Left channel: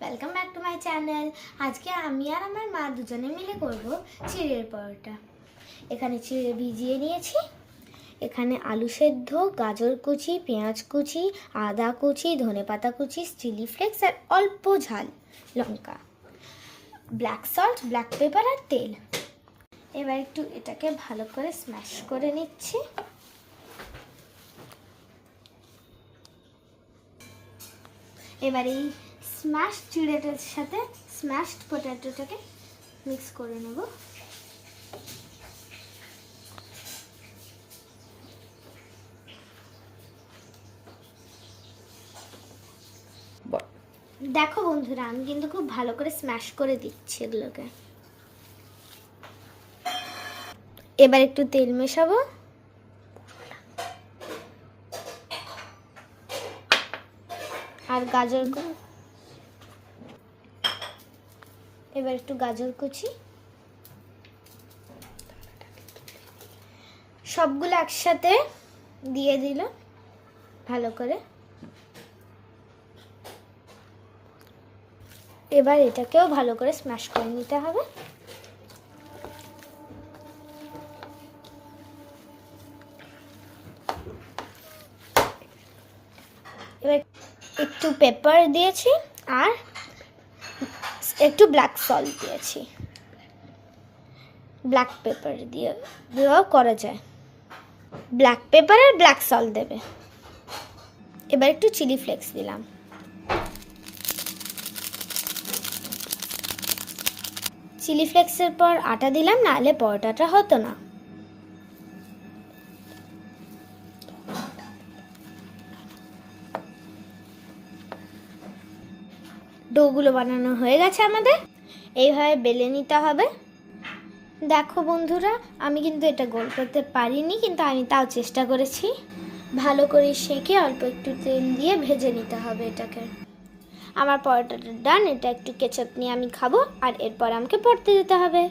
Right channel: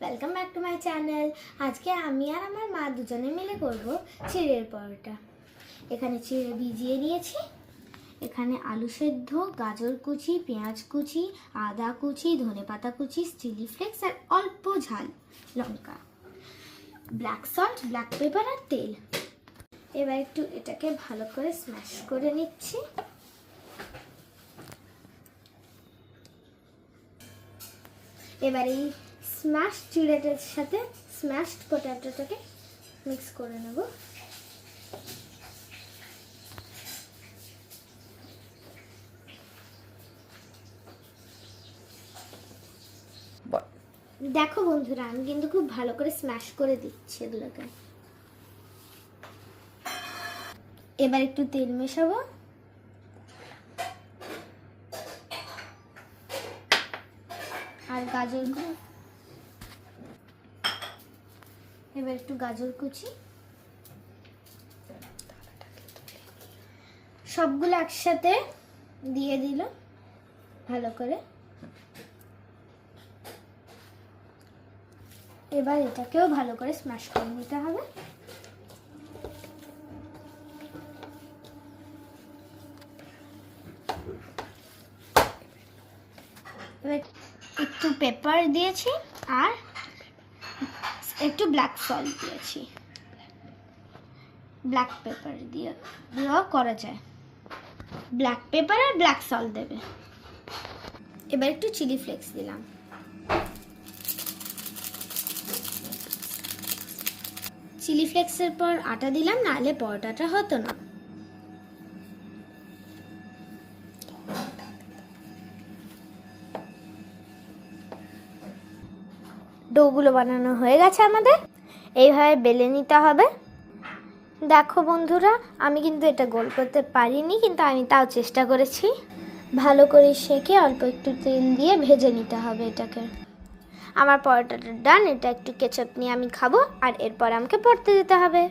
Welcome back to my channel. আজকে আমি আর আমার মা দুজনে মিলে করব চিড়ের পরোটা। এখানে চিড়ে ভিজিয়ে নিয়েছি। এখানে আলু সেদ্ধ, গাজর কুচি, পেঁয়াজ কুচি, আদা কুচি, ধনেপাতা কুচি, চিলি ফ্লেক্স আর অল্প ঝাল লঙ্কা, ব্ল্যাক সল্ট, ব্ল্যাক পেপার আর তেল। এবার একটু এটাকে ভালো করে স্ম্যাশ করে নিচ্ছি। এবার এই স্ম্যাশ চিড়েটার সাথে স্ম্যাশড পটেটোটাকে মিক্স করে নেব। দেখো বন্ধুরা, আমি কিন্তু খুব ভালো করে স্ম্যাশ করে দিচ্ছি এগুলোকে। এবার একটু তেল মেশাবো। আর গাজর, এবার একটু গাজর কুচি, সবগুলো একসাথে দিয়ে দিল ভালো করে। এবার এটাকেও ভালো করে স্ম্যাশ করে নিতে হবে। এবার একটু পেপার দিয়েছি আর একটু ব্ল্যাক সল্ট দিয়েছি। ব্ল্যাক পেপার দিয়েও করা যায়, ব্ল্যাক পেপার আর ব্ল্যাক সল্ট দেবে। এবার একটু চিলি ফ্লেক্স দিলাম। চিলি ফ্লেক্সের পর আটা দিলাম, নাহলে পরোটাটা হতো না। ডোগুলো বানানো হয়ে গেছে আমাদের। এইভাবে বেলে নিতে হবে। দেখো বন্ধুরা, আমি কিন্তু এটা গোল করতে পারিনি, কিন্তু আমি তাও চেষ্টা করেছি। ভালো করে সেঁকে অল্প একটু তেল দিয়ে ভেজে নিতে হবে এটাকে। আমার পরোটাটা ডান। এটা একটু কেচাপ নিয়ে আমি খাবো, আর এরপর আমাকে পড়তে যেতে হবে।